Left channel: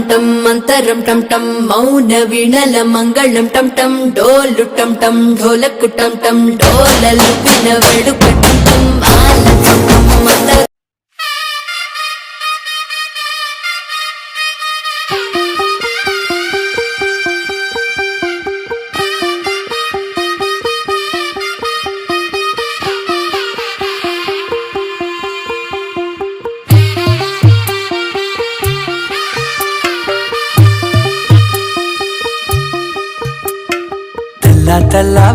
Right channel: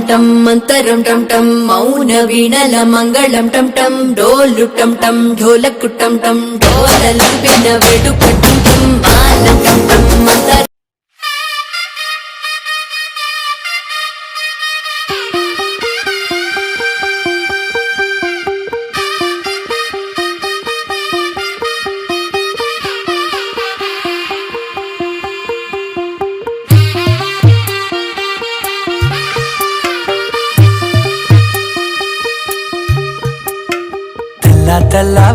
டம் டம் மந்தரம் டம் டம் மௌன வீணல மங்களம் டம் டம் டோலு டம் டம் டோலக்கு டம் டம் டோலல் பின வெடுக்கு டம் டம் ஆலம் டம் டம்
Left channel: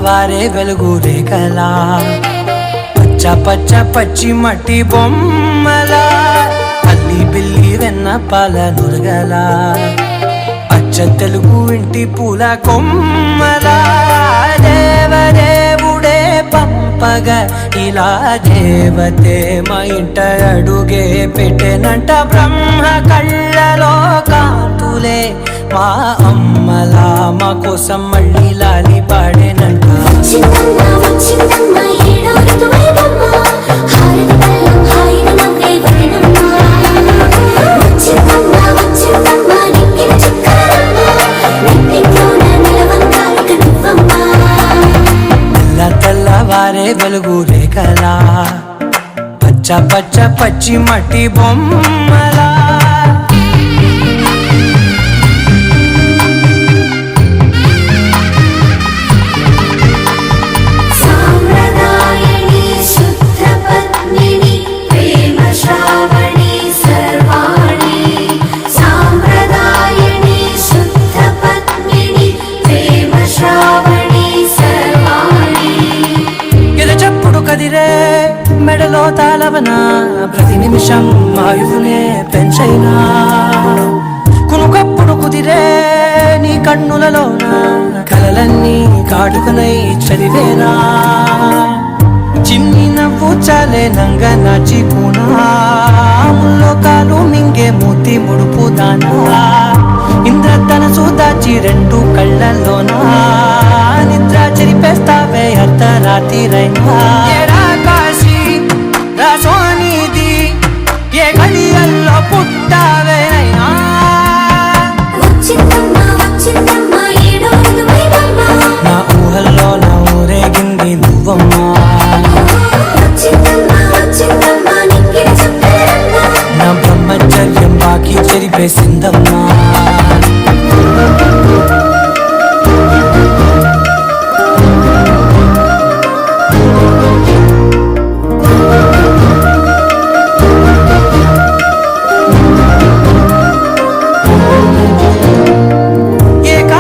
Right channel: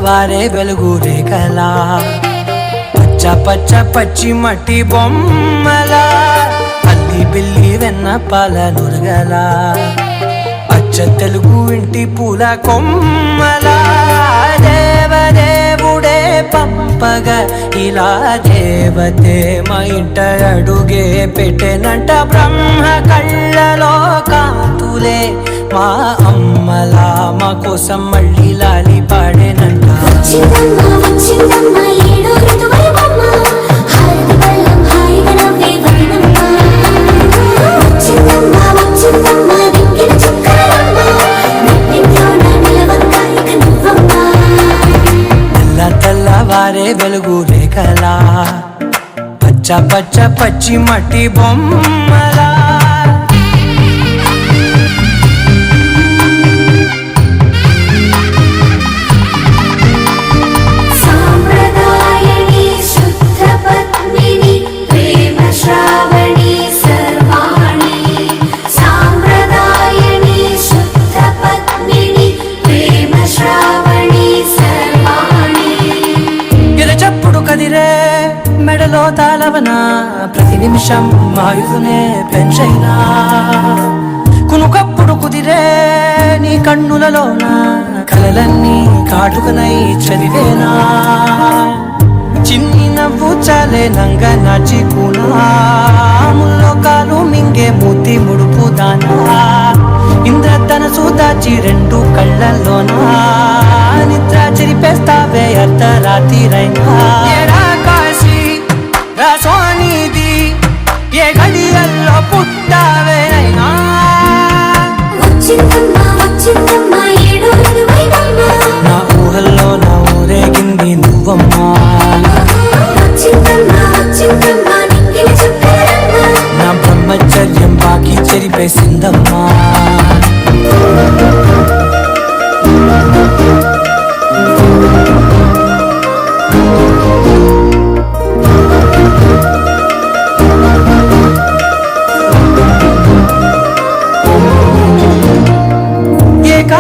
వారే వెలుగు రేఖలా. పచ్చ పచ్చ పచ్చి మట్టి బొమ్మల. అల్లి బిల్లి వెన్న పాల నురగల. పచ్చ తెలుగు ఇంటి పూల కొమ్మల. దేవదేవుడే పంపగ ఇలా దేవతే మా ఇంట అడుగే పెట్టెనంట బ్రహ్మ కళ్ళలో కాతులే మా అమ్మలా. మా కోసం మళ్ళీ లాలి పాడేనంట వారే వెలుగు రేఖలా పచ్చ పచ్చ పచ్చి మట్టి బొమ్మలా. కదిరే మెడలో తాళవన ప్రతి నిమిషం ఆయుధునే పెంచైనా. కునుకప్పుడు కుదిరే నీ కన్నులలోనా కలలన్నీ కాటుకనై చదివేనా. చిన్ని నవ్వు చాలే నంగ నాచి ముల్లో కాలు మింగే మూతి ముడుపు దానా. ఇంద్రధనసు దాచి రెండు కళ్ళల్లోనా. నిద్ర చెరిపేస్తావే అర్ధరాత్రిరైనా ఏడా కాశీ రాసోనిది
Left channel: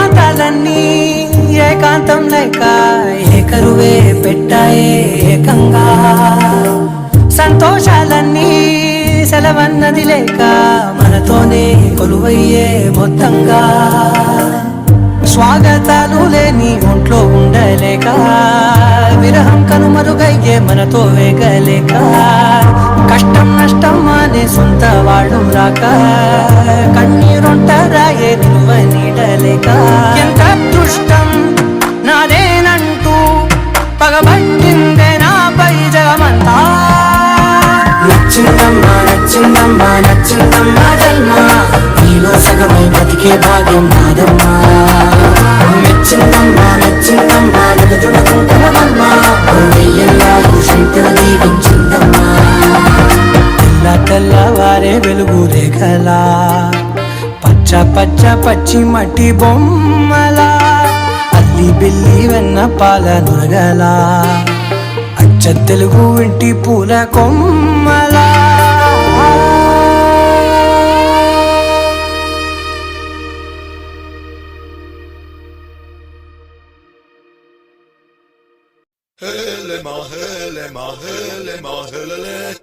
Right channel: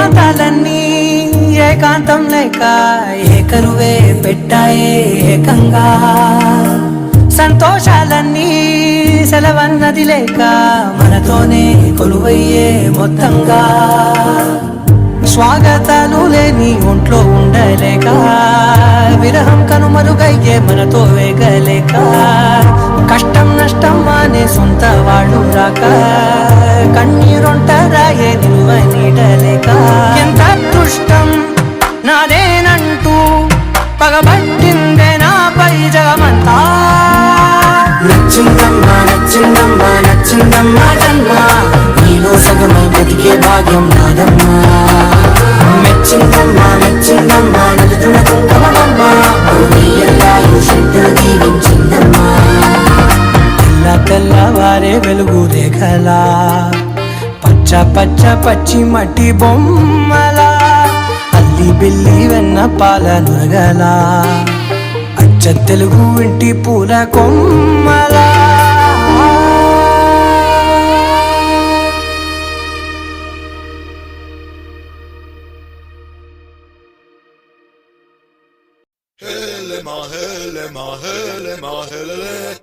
ప్రాంతాలన్నీ ఏకాంతం లేక ఏకరువే పెట్టాయే ఏకంగా. సంతోషాలన్నీ సెలవన్నది లేక మనతోనే కొలువయ్యే మొత్తంగా. స్వాగతాలు లేని ఒంట్లో ఉండలేక విరహం కనుమరుగయ్యే మనతో వేగలేక కష్టం నష్టం అనే సొంత వాడు రాక కన్నీరుంటారాయే నిలువ నీడలేక ఎంత అదృష్టం నాదేనంటూ పగబట్టిందే నాపై జగమంతా. నచ్చిందమ్మా నచ్చిందమ్మా నచ్చిందమ్మా జన్మ. నీలో సగమై బ్రతికే భాగ్యం నాదమ్మా. మెచ్చిందమ్మా మెచ్చిందమ్మా నిలుతున్న కుంకుమమ్మా వెయ్యల్లాగు దీవించిందమ్మా. తెల్ల తెల్లవారే వెలుగు రేఖలా. పచ్చ పచ్చ పచ్చి మట్టి బొమ్మలా. అల్లి బిల్లి వెన్న పాల నురగలా. అచ్చ తెలుగు ఇంటి పూల కొమ్మ mahele mahele mahele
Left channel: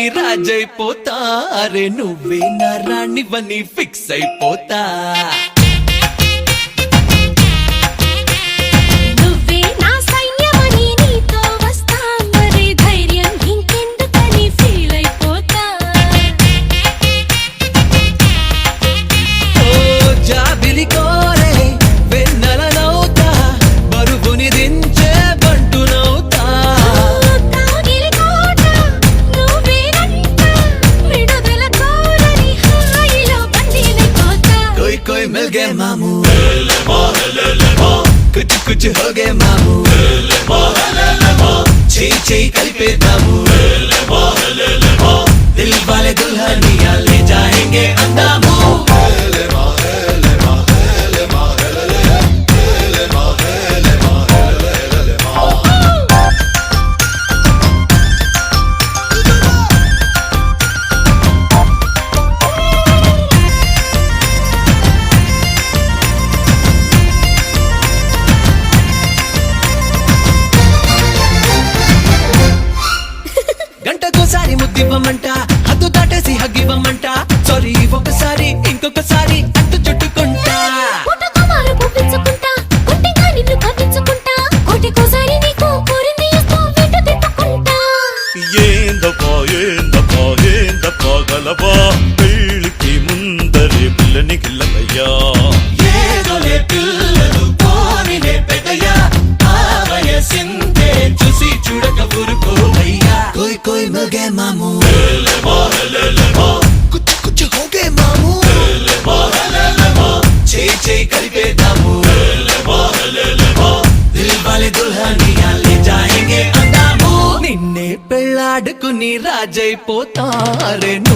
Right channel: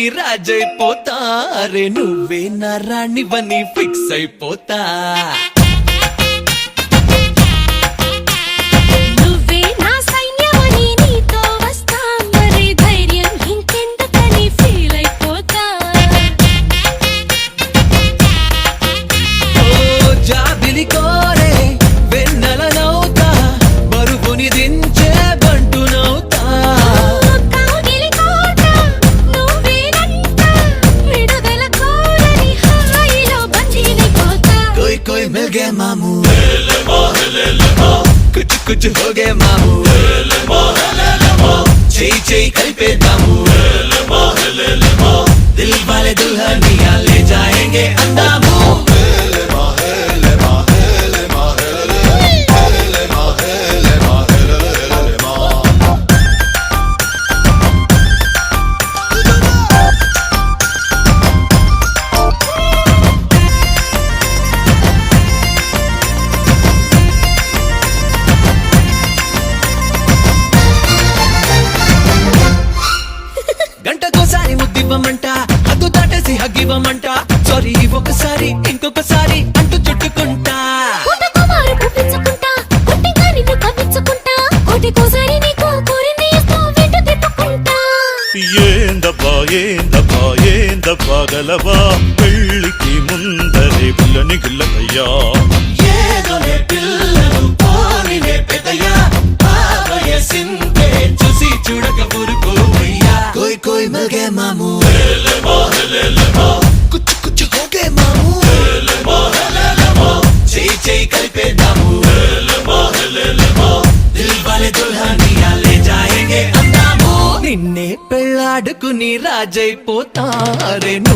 నీ రాజైపోతా అరే నువ్వే నా రాణివని ఫిక్స్ అయిపోతా. బ్రిడ్జ్ హోగేమాము చేయి చేయి కలిపేద్దాము దిల్ వాలే దుల్హనియాలి. தெய்வமட்ட పెళ్ళాడుకుని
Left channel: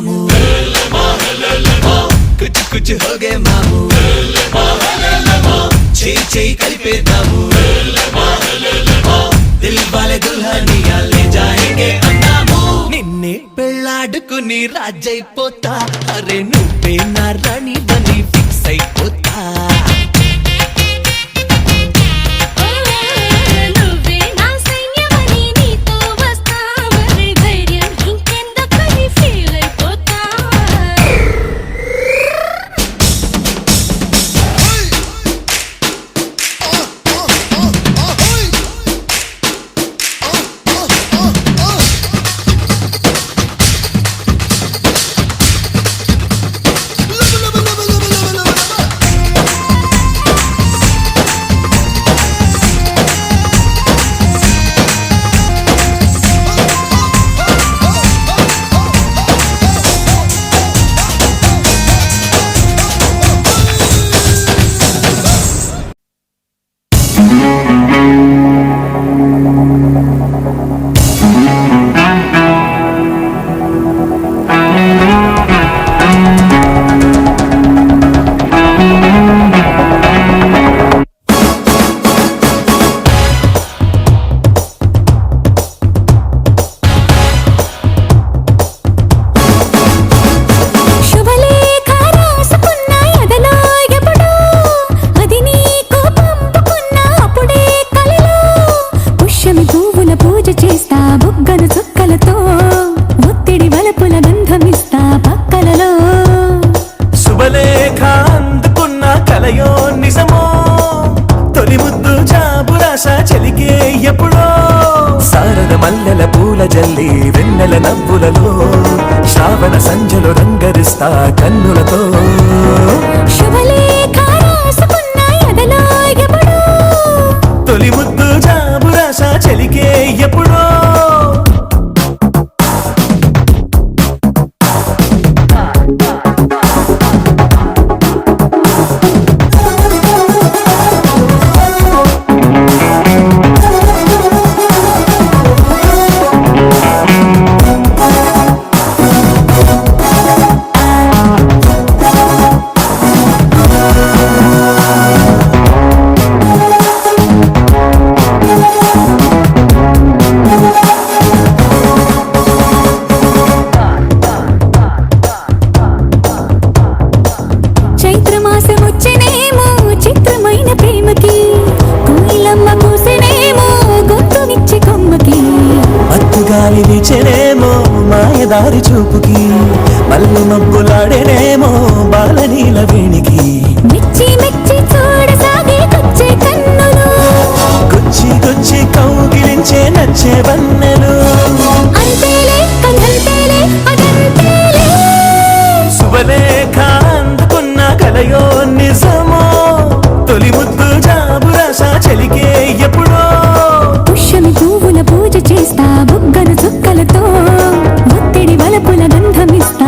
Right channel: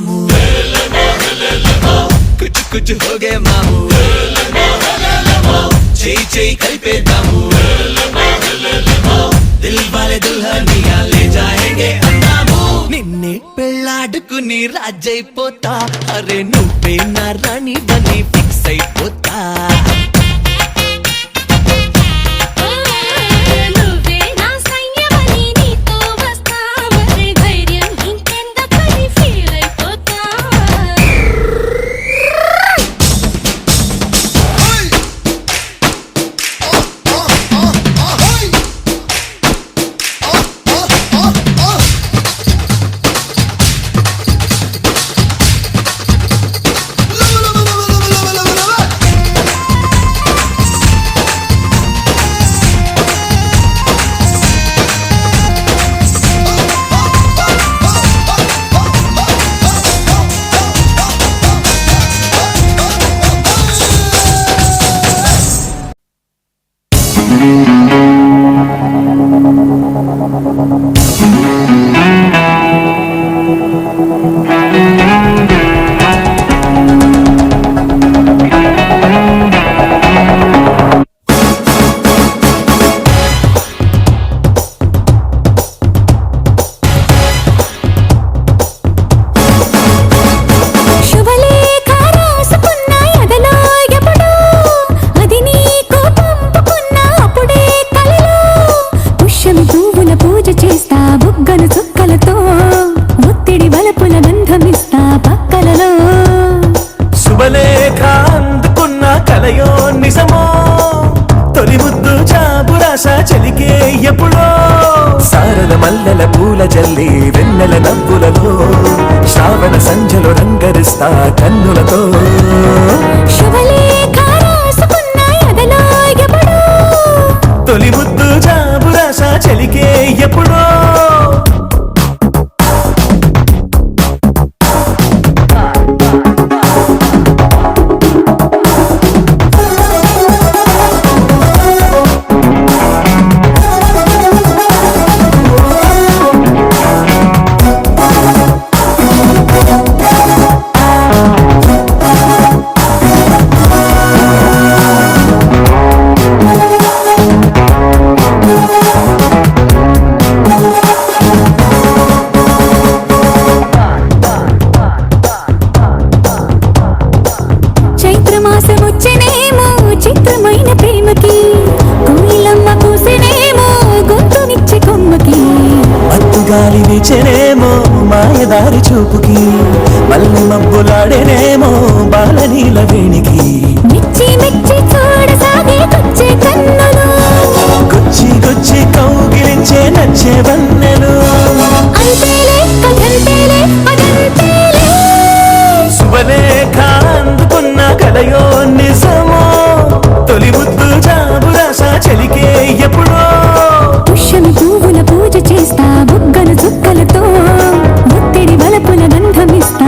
మాము. కుచి కుచి హోగే మాము. చేయి చెయ్యి కలిపేద్దాము. దిల్ వాలే దుల్హనియా లే జాయేంగే అన్నాము. నిన్నే పెళ్ళాడుకుని రాజైపోతా. అరే నువ్వే నా రాణి వలపుల గంధమిస్తా పక్కలలో. శుభలేఖ అందుకున్న కలయో నిజమో? తొలి ముద్దు జాబురాస చెలికే ఎప్పుడో? సారద మల్లెల పూల జల్లి వెన్నెల నవ్వులలో శ్రావణ సంధ్యలు రంగరిస్తా కన్నులతో. తొలి ముద్దు జాబురాస చెలికే ఎప్పుడో? గాలి వీచెనేమో మాయదారి చూపుకి మల్లె మబ్బులాడేనేమో బాలనీల వేణికి. మెచ్చి మెచ్చి చూడసాగే కొచ్చే కన్నులు. గుచ్చి గుచ్చి కౌగిలించే నచ్చే వన్నెలు. అంతేలే కథంతేలే అదంతేలే. శుభలేఖ అందుకున్న కల కలయో నిజమో తొలి ముద్దు జాబు రాస చెలికే ఎప్పుడో. పుష్యమి పువ్వుల పూజ చేస్తా బుగ్గను చుక్కలతో ఒత్తిడి వలపుల గంధమిస్తా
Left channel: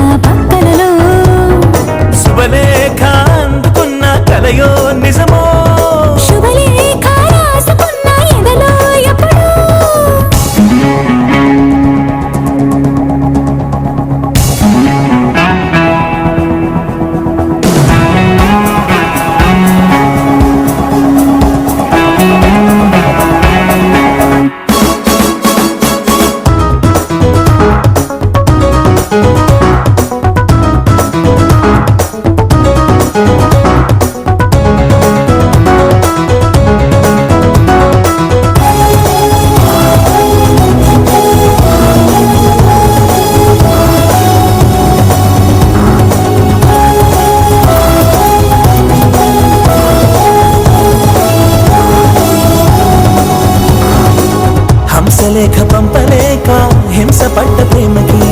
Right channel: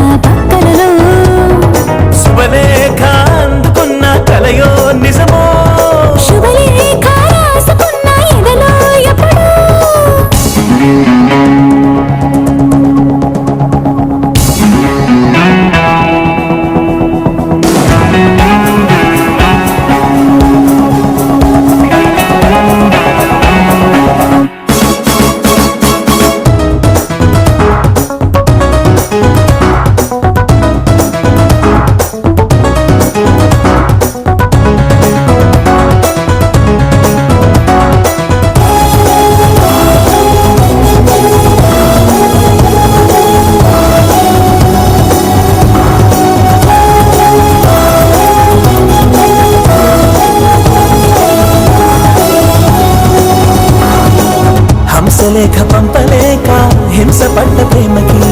హంసలేఖ పంపలేక హింస పడ్డ ప్రేమకి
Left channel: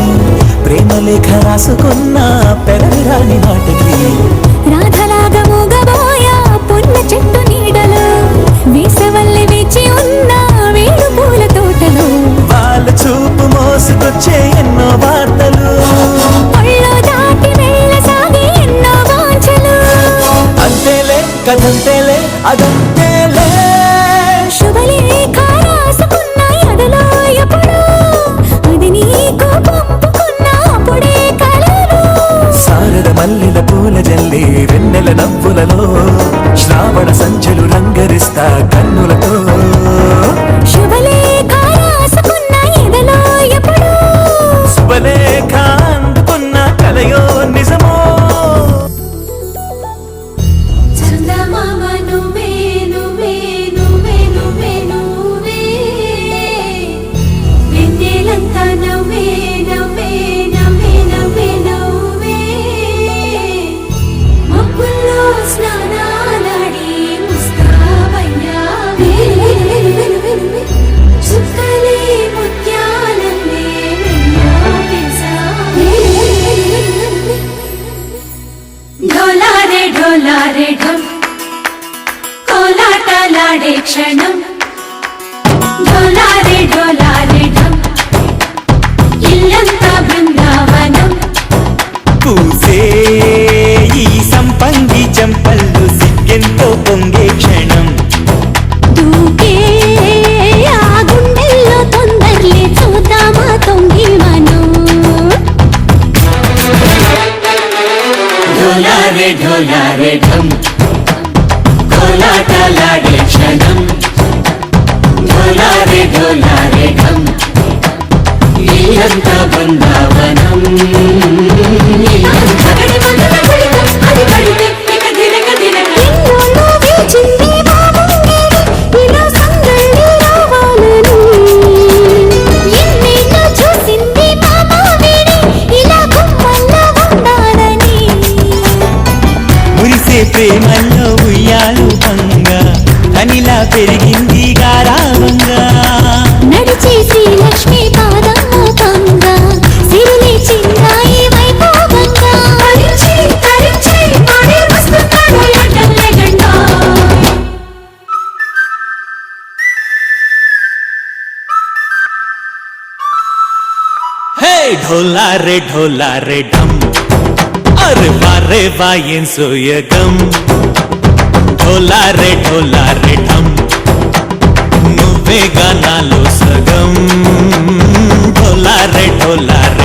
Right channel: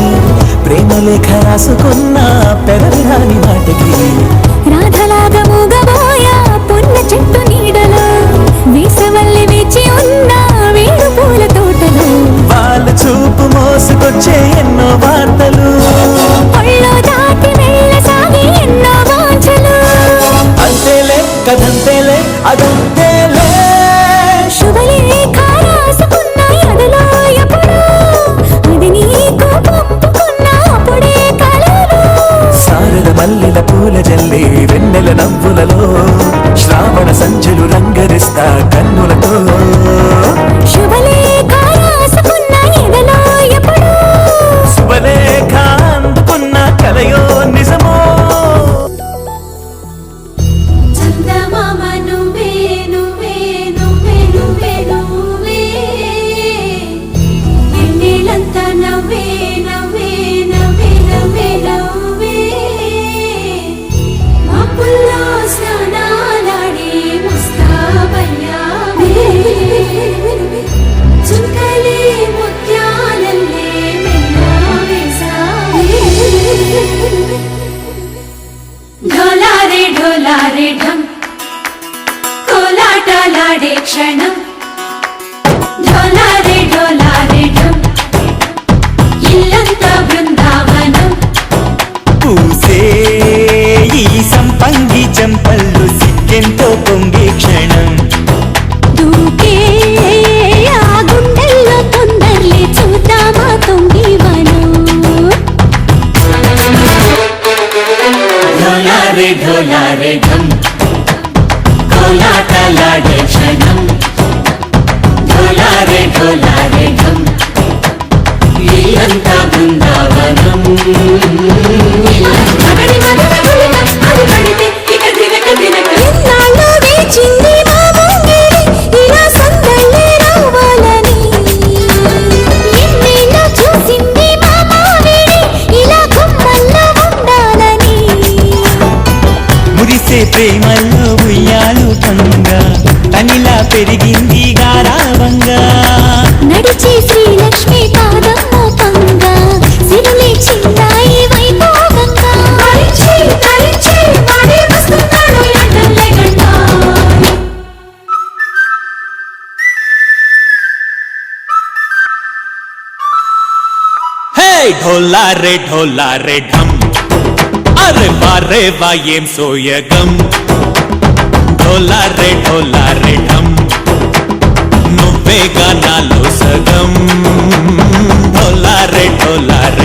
ప్రేమలేఖ రాసుకున్న పెదవి రాని మాటకి. రాధలాగా మూగబోయా పున్న చెట్టు నీడలో వేసవల్లి వేచి ఉన్న వేడు పూల తోటలో. వాళ్ళ చూపు మోసుకొచ్చే ఎన్నో వార్తలు. ఒళ్ళో దాటి వెళ్ళసాగి ఎన్నో వాంఛలు. అంతేలే కథంతేలే అదంతేలే. నవ్వులలో శ్రావణ సంచులు రంగరిస్తా కన్నులతో. శుభలేఖ అందుకున్న కలయో ढोला रे ढोला रे ढम अरे बारे वायम सोय गम ढोला रे ढोला रे ढम నువ్వే కన్నాలో సగం ढोला रे ढोला रे